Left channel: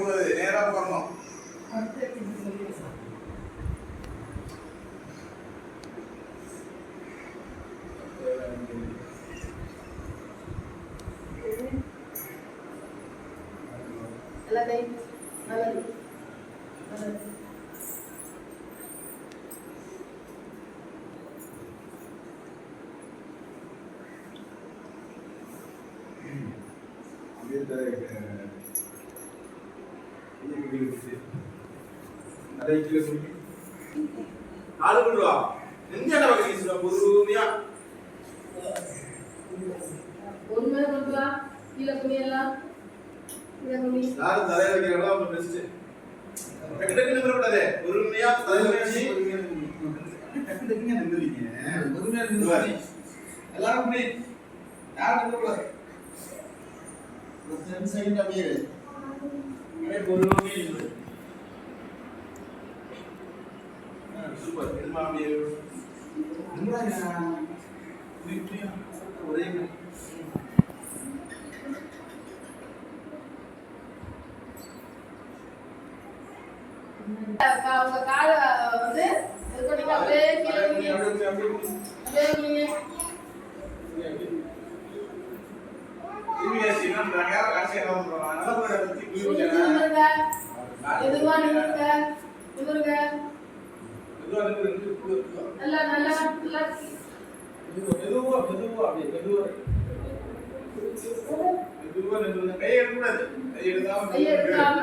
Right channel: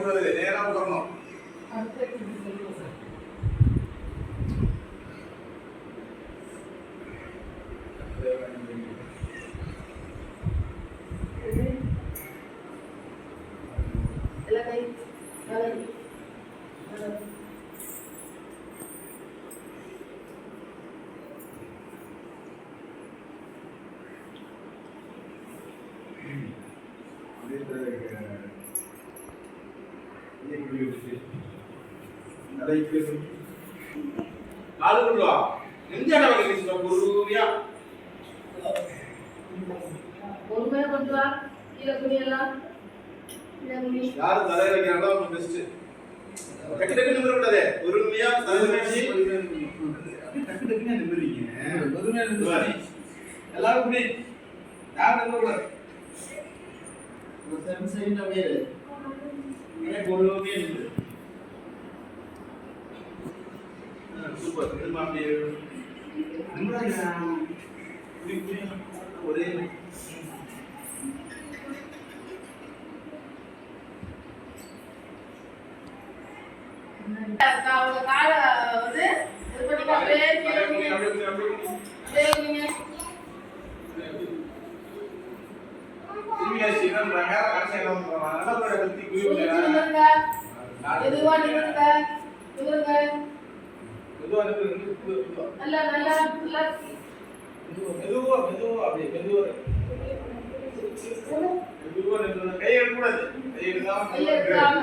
கூடாது, நேரா உட்காரணும். எல்லாம் கை நல்லது நல்லது. காலு கொண்டு வா. எந்த இடம் வைக்கிறீங்க பொறுமையா? பொறுமையா கொண்டு வா. கீழே குனியெல்லாம். கீழே குனி. யாரும் தலையில வைக்கிறாங்களோ அவங்க பெஸ்ட். டக்கு டக்கு நிமிர கூடாது. பொறுமையா தலையில வச்சு டக்கு டக்குன்னு நிமிர்றீங்க. பொறுமையா நிமிர்றாரு. எல்லாரும் குனி. யாரும் நிமிர கூடாது. ஒரு 10 செகண்ட் அப்படியே இரு. பொறுமையா நிமிரு. சூப்பர். இது அப்படியே நிமிராங்க. ஒரே அவங்க கால வந்து இது பண்ணி அப்படியே கீழே குனி. அப்படியே குனி. டிவிஎஸ் என்னன்றாங்க கடைசி என்ன பண்றாங்க நல்ல பேரை பத்தி நிமிருங்க. எதுவா நிமிருங்க. நிமிருங்க. மெதுவா நிமிரு. நல்லா நல்லா நல்லா மெதுவா அப்படியே மெதுவா நிமிரு. கையை எடுக்கக்கூடாது. கையை எடுக்காம